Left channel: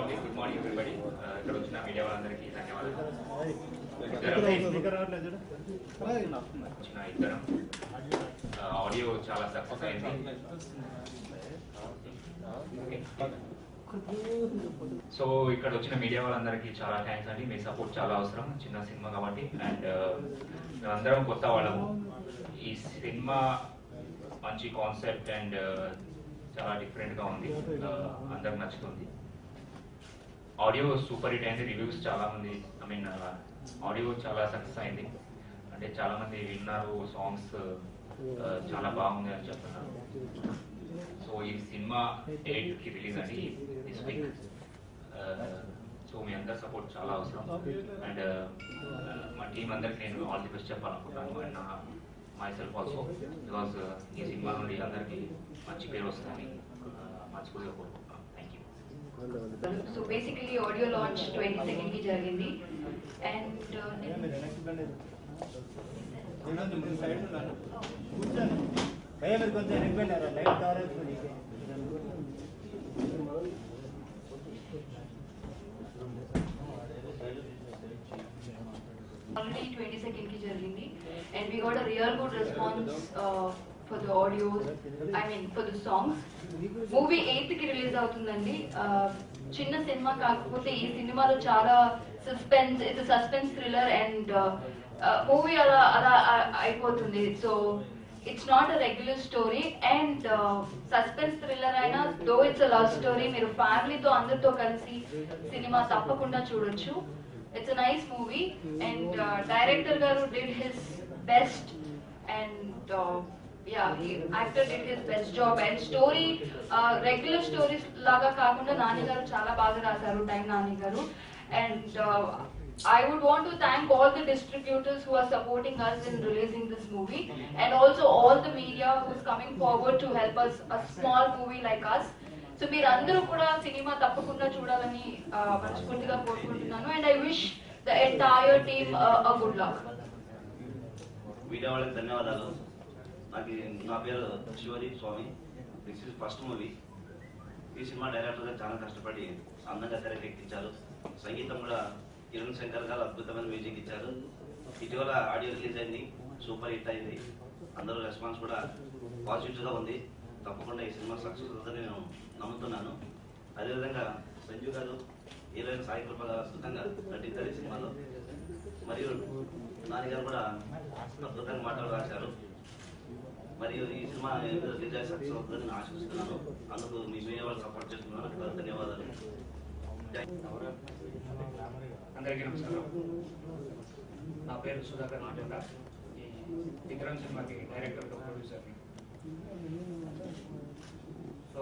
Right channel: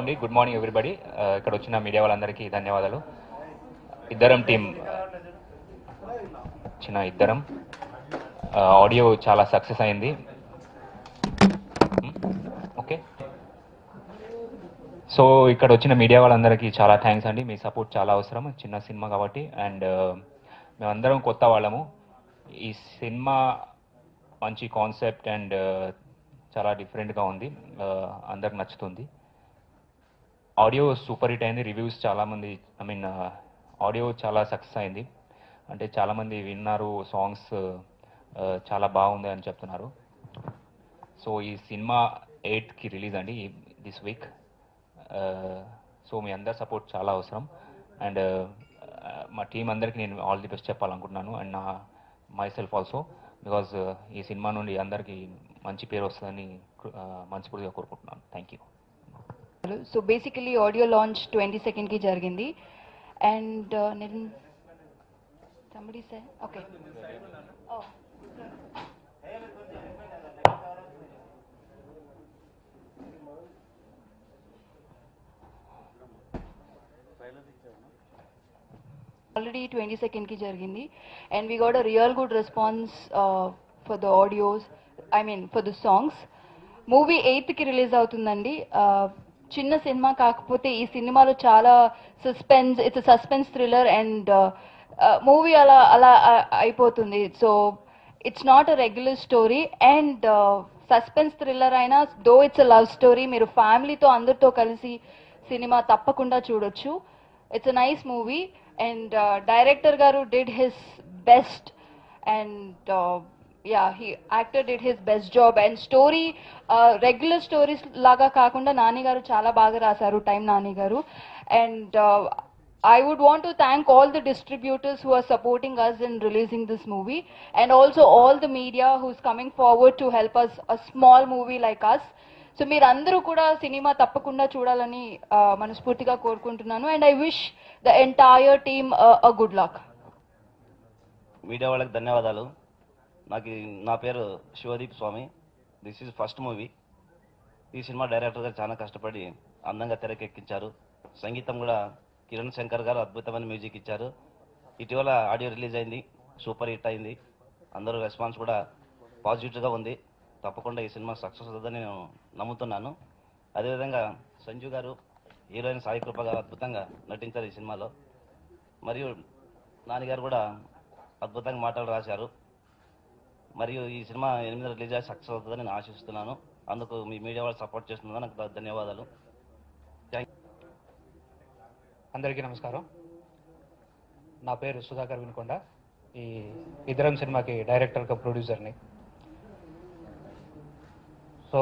అండి. Good morning everybody. ఇక్కడ వచ్చిన మీడియా వాళ్ళందరికీ ధన్యవాదాలు. ఇద్దరం టీం వచ్చిన ఇద్దరం ఆడియో చాలా సక్సెస్ అయింది. ఓకే, సో ఇక్కడ వచ్చిన మీడియా వాళ్ళందరికీ చాలా థ్యాంక్స్ అండి. మీ సపోర్ట్ చాలా అవసరం, చిన్న సినిమా కాబట్టి. అండ్ మేమందరం కొత్త వాళ్ళము. ఈ సినిమా మంచి కాన్సెప్ట్ అండ్ చాలా డిఫరెంట్గా ఉంది, అందరికి నచ్చుతుంది. ఆడియో సూపర్ హిట్ అయింది. రివ్యూస్ చాలామంది, ఆడియో చాలా సక్సెస్ అయింది. అంటే చాలామంది విన్నారు, సాంగ్స్ చాలా బాగుంది అని చెప్తున్నారు. సో ఈ సినిమా 8కి రిలీజ్ అండి, దిస్ వీక్. సో మీ అందరి సపోర్ట్ చాలా అవసరం. అండ్ మా టీం అందరికి నేను ఆల్ ది బెస్ట్ చెప్పాలనుకుంటున్నాను. అండ్ నా మై సెల్ఫ్ ఆల్సో, బికాజ్ ఈ సినిమా నుండి అందరికీ మంచి పేరు వస్తుందని మనస్ఫూర్తిగా కోరుకుంటున్నాను. Thank you. So basically audio launch 22nd ki jarigindi and somebody said already 22nd ki jarigindi and we got a real good response for the audios, for the songs. Movie 8కి release అవుతుందండి. చిన్న సినిమా కాకపోతే ఈ సినిమాలో చాలా suspense, it's suspense thriller and movie అలా అలా అయిపోతుంది. So it's not a regular story and suspense thriller అయినా, though it's a love story. మీరు ఫ్యామిలీతో అందరితో కలిసి సినిమా తప్పకుండా చూడొచ్చు. It's a nice movie and director గారు did his best and actor did his best job and story regular stories laga kaakunda Nani garu chaala baga rasaru, time Nani garu. And I would want to thank all the distributors who are supporting us in releasing this movie and also all the media who's coming forward to help us, a small movie like us. So meer andaru kuda cinema tappakunda chudalani manaspurtiga korukuntunnanu and I wish the entire team a good luck. Media వాళ్ళకి ధన్యవాదాలు. నా పేరు Shivdeep Swamy. This is first movie. ఈ సినిమా డైరెక్టర్గా చాలా కష్టపడి అందంగా తెరకెక్కించారు. సంగీతం కూడా కిరణ్ శంకర్ గారు అద్భుతమైన మ్యూజిక్ ఇచ్చారు. ఇటీవల ఆడియో రిలీజ్ అయింది, సూపర్ హిట్ అయింది. అందరూ రెస్పాన్స్ కూడా పాజిటివ్గా ఉంది. తప్పకుండా ఈ సినిమా సక్సెస్ అవుతుందని నేను నమ్ముతున్నాను. అదేవిధంగా సంజు గారు, హీరోయిన్ సాయి కృప గారు అద్భుతంగా నటించారు ఈ సినిమాలో. మరియు నాన్నగారు కూడా అద్భుతంగా మాటలు రాశారు. మరియు ఈ సినిమా 8వ రిలీజ్ అయ్యి సక్సెస్ అవుతుందని నేను ఆశిస్తున్నాను. అందుకు మీ మీడియా వాళ్ళు సపోర్ట్ చేస్తున్నారు, నాకు ధన్యవాదాలు. అందరికీ నమస్కారం. నా పేరు సుధాకర్ అనుకుంటా. ఈ ఇద్దరం సినిమాకి డైరెక్టర్గా ప్రొడ్యూసర్ని. సో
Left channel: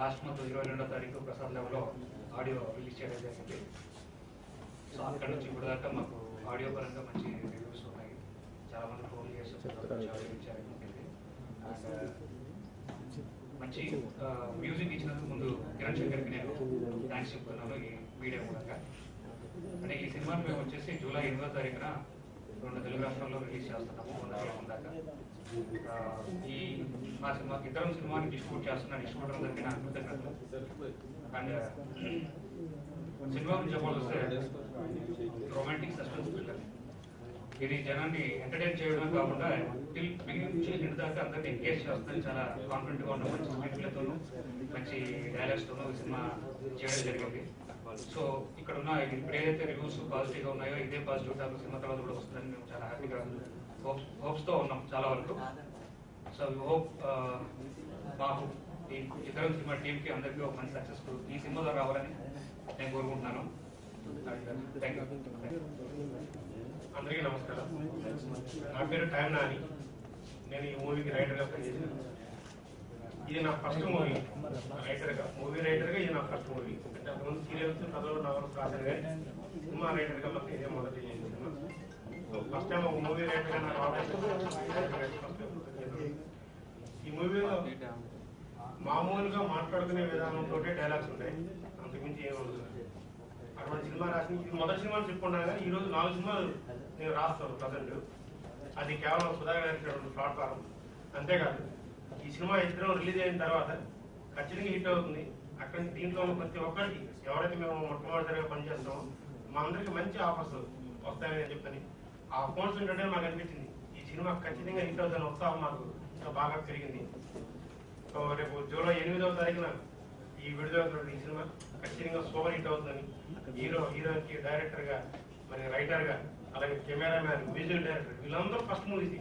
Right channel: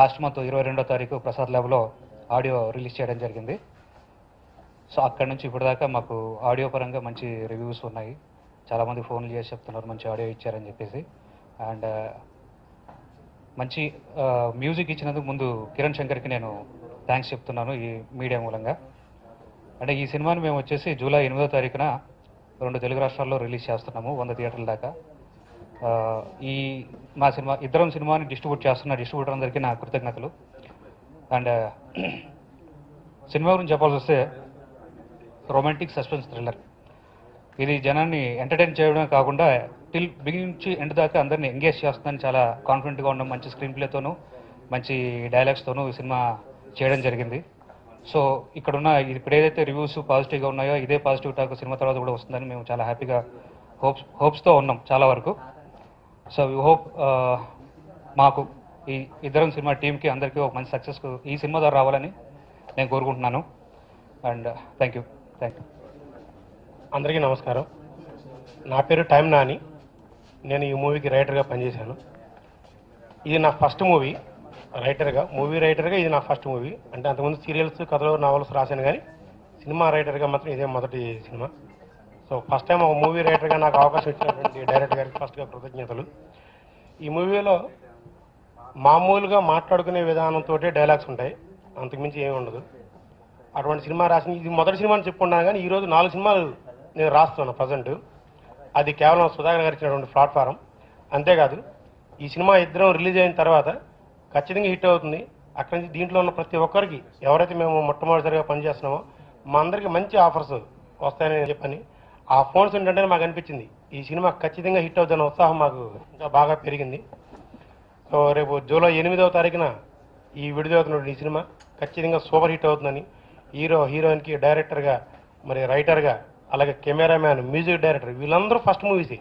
లాస్ట్ మంత్ 22వ తారీఖు ప్రసాద్ ల్యాబ్లో ఆడియో రిలీజ్ చేయడం జరిగింది. సో అక్కడి నుంచి ఇప్పటిదాకా మాకు ఆడియో పరంగా మంచి రివ్యూస్ ఉన్నాయి. చాలామంది ఫోన్లు చేసి చెప్తున్నారు మంచి ఆడియో ఇచ్చారని చెప్పేసి. అండ్ మంచి మ్యూజిక్ ఇచ్చినందుకు ముందు కిరణ్ శంకర్కి నేను థ్యాంక్స్ చెప్తున్నాను ఈ మీడియా మూలంగా. అంటే ఈ సినిమాని మేము వచ్చేసి జూలై 8వ తారీఖున 2 తెలుగు రాష్ట్రాల్లో రిలీజ్ చేస్తున్నాము, 100 థియేటర్ల దాకా. ఈ మా సినిమా ఇద్దరం సినిమాని డిస్ట్రిబ్యూట్ చేస్తున్న డిస్ట్రిబ్యూటర్ అందరికీ నా కృతజ్ఞతలు. అండ్ సినిమా గురించి చెప్పాల్సి వస్తే రొమాంటిక్ సస్పెన్స్ థ్రిల్లర్. ఇది జనాన్ని ఎంటర్టైన్ చేయడమే కాకుండా టిల్ బిగినింగ్ నుంచి ఎండ్ దాకా అందరినీ ఎంగేజ్ చేస్తుందని చాలా కాన్ఫిడెంట్గా ఉన్నాం. మంచి స్క్రీన్ ప్లేతోనూ మంచి డైలాగ్స్తోనూ ఈ సినిమా చేయడం జరిగింది. సో ఇక్కడున్న ఇప్పుడు ఏదైతే రివ్యూస్ పాజిటివ్గా ఉన్నాయో ఇదే పాజిటివ్ టాక్ సినిమా తర్వాత కూడా వస్తుందని మేము చాలా హ్యాపీగా హోప్స్తో ఉన్నాం చాలా వరకు. సో వీ హోప్ మాకు ఈ ఇద్దరం సినిమా టీంకి అందరికీ ఒక మంచి సక్సెస్ ఈ సినిమా ద్వారా రావాలని నేను కోరుకుంటున్నాను. And thank you. అందరికీ నమస్కారం. నా పేరు టైమ్ నాని. నేను ఈ మూవీకి రైటర్గా పనిచేశాను. ఇది నా ఫస్ట్ మూవీ మూవీ రైటర్గా ఇది నా ఫస్ట్ మూవీ. అంటే అంతకుముందు సీరియల్స్, కథలు, నావల్స్ రాశాను, కానీ సినిమా రైటర్గా మాత్రం ఇదే మొదటి సినిమా. సో ఫస్ట్ టైం ఒక మూవీ రైటర్గా నాకు అవకాశం ఇచ్చినటువంటి డైరెక్టర్ గారికి ఫస్ట్గా కృతజ్ఞతలు. ఈ మూవీలో మామూలుగా మాట్లాడుకునే విధానంతో డైలాగ్స్ ఉంటాయి, అంతకుమించి ఏమి ఉండదు. అటువంటి సినిమా రాసింది ఇది మొదటి సినిమా అని చెప్పుకున్నాను, కానీ ఈరోజు 4 సినిమాలు నేను రాస్తున్నాను ప్రజెంట్. అది కేవలం సుధాకర్ గారు ఇచ్చినటువంటి ప్లాట్ఫారం. అంతేకాదు ఈ సినిమా ఇద్దరం రిలీజ్ అయిన తర్వాత ఖచ్చితంగా హిట్ అవుతుంది. అక్కడి నుంచి దీంట్లో ఉన్న ప్రతి ఒక్కరికి ఎవరైతే మేము మొట్టమొదటిసారిగా పనిచేస్తున్నామో మా అందరికీ మంచి ఆఫర్స్ వస్తాయని చెప్పని ఆ ఫోన్స్ ఏంటంటే మాకు అనిపించింది ఈ సినిమా ఖచ్చితంగా హిట్ అవుతున్న ఉత్సాహం మాకు ఇంకా బాగా పెరిగింది. సో రేపు జూలై 8వ తారీఖున ఈ విడుదలవుతున్న ఈ సినిమా ఖచ్చితంగా సూపర్ హిట్ అవుతుందని హీరోయిన్కి డైరెక్టర్గా మరి రైటర్గా అలాగే కెమెరామ్యాన్ మ్యూజిక్ డైరెక్టర్ వీళ్ళందరూ ఫస్ట్ మూవీసే.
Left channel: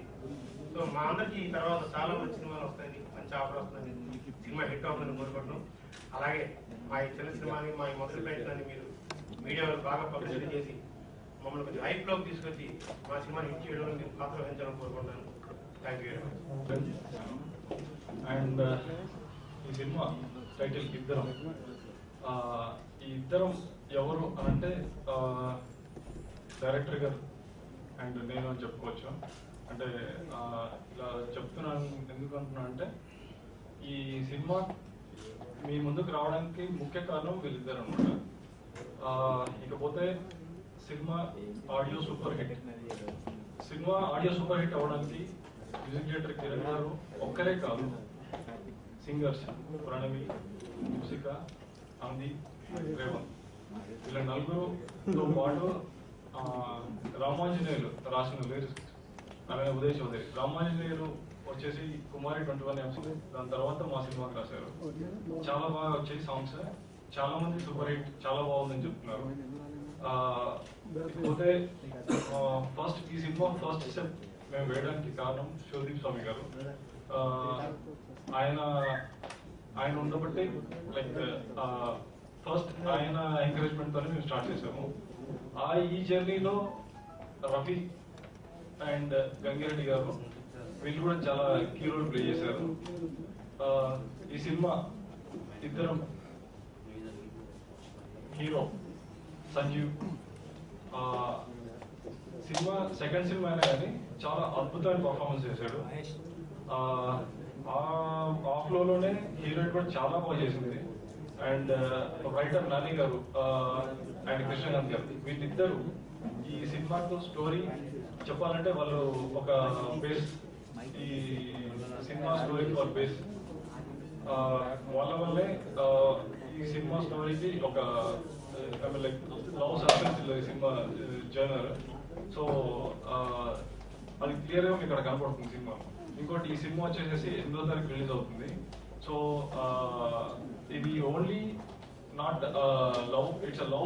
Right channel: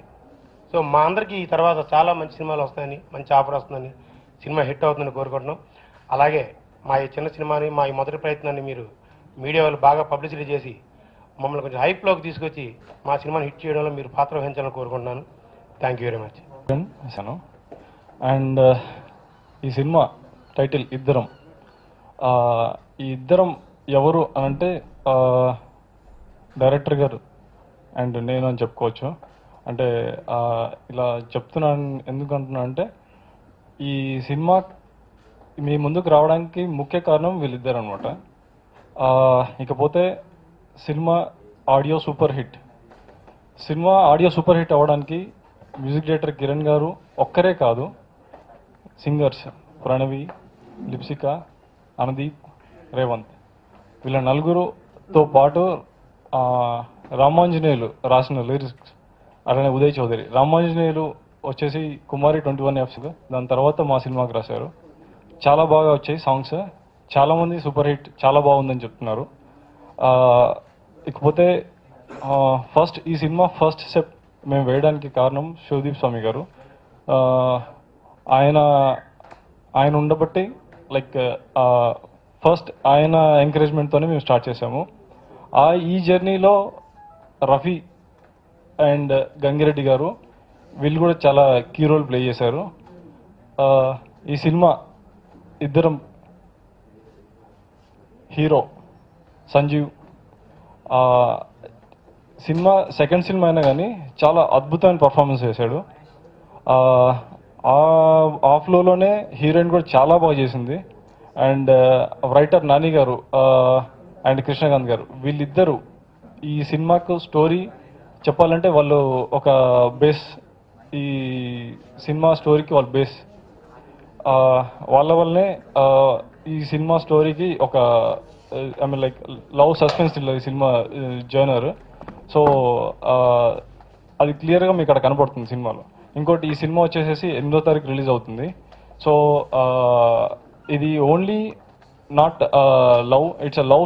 సో మా అందరికీ ఈ తర్వాత చాలా మంచి సినిమాలు వస్తాయని మంచి ఆఫర్ వస్తుందని సినిమా హిట్ అవుతుందని కోరుకుంటున్నాం. అలాగే మా ఈ చిన్న సినిమాని మా ఈ మొదటి ప్రయత్నాన్ని మీరు మీడియా వాళ్ళు బాగా పబ్లిసిటీ చేసి మమ్మల్ని కొంచెం హైప్లోకి తీసుకొచ్చి మా సినిమాని హిట్ చేయడంలో మీరు పాత్ర వహించాలని కోరుకుంటున్నాను. Thank you very much. And ఈ సినిమా టైటిల్ ఇద్దరం. ఈ ఇద్దరం ఎవరు అనంటే డైరెక్టర్ గారు అండ్ నేను అని చెప్పుకోవచ్చు. అంటే ఇలా చెప్తున్నాను ఎందుకు అంటున్నా అంటే ఈ సినిమా మీ ముందుకు రావడానికి ముఖ్య కారణం వీళ్ళిద్దరు అనమాట. ఇకపోతే cinema audio super hit. Cinema audio super hit అవ్వడానికి మ్యూజిక్ డైరెక్టర్ కిరణ్ గారు ఒక్కరే కాదు, సింగర్స్ ప్రణవి, లిప్సిక, అనుదీప్, రేవంత్ వీళ్ళ నలుగురుతో పాటు రామాంజనేయులు రాసిన లిరిక్స్ అలానే ఉదయ్ చౌదరి. రామాంజనేయులు వచ్చేసి కుమారి 21 యాప్స్, దాని తర్వాత మా సినిమాకి రాశారు. చాలా బాగా వచ్చాయి సాంగ్స్, చాలామంది సూపర్ హిట్ చాలా బాగుందని చెప్తున్నారు. ఇకపోతే ఫస్ట్ ఈ సినిమా ఫస్ట్ స్టెప్ మేము వేయడానికి కారణం శివదీప్ స్వామి గారు. ఆయన ఉండబట్టి లైక్ ఫస్ట్ ఆయన ఎంకరేజ్మెంట్తోనే మేము స్టార్ట్ చేసాము. ఈ జర్నీలో రఫీ అండ్ గంగిరెడ్డి గారు వీళ్ళు కూడా చాలా కీ రోల్ ప్లే చేశారు. ఈ సినిమా ఇద్దరం hero Sanjeev cinema second cinema అయినా కానీ చాలా అద్భుతమైన పర్ఫార్మెన్స్ చేశాడు. ఆ ఫ్లోలోనే హీరోయిన్ కూడా చాలా బాగా చేసింది. అండ్ రైటర్ నాని గారు అండ్ కృష్ణకాంత్ గారు వీళ్ళిద్దరూ ఈ సినిమాకు స్టోరీ చెప్పాలంటే వాళ్ళు ఒక బేస్, ఈ సినిమా స్టోరీకి వాళ్ళు బేస్. వాళ్ళ వల్లనే ఈ సినిమా స్టోరీకి ఒక I mean like love suspense ఈ సినిమా జర్నర్. సో అది క్లియర్గా మీకు అక్కడ కనపడుతుంది సినిమాలో. ఇంకోటి ఈ సినిమా వచ్చేసేసి 8వ తారీఖు రిలీజ్ అవుతుంది. సో ఇది only not love, it's a love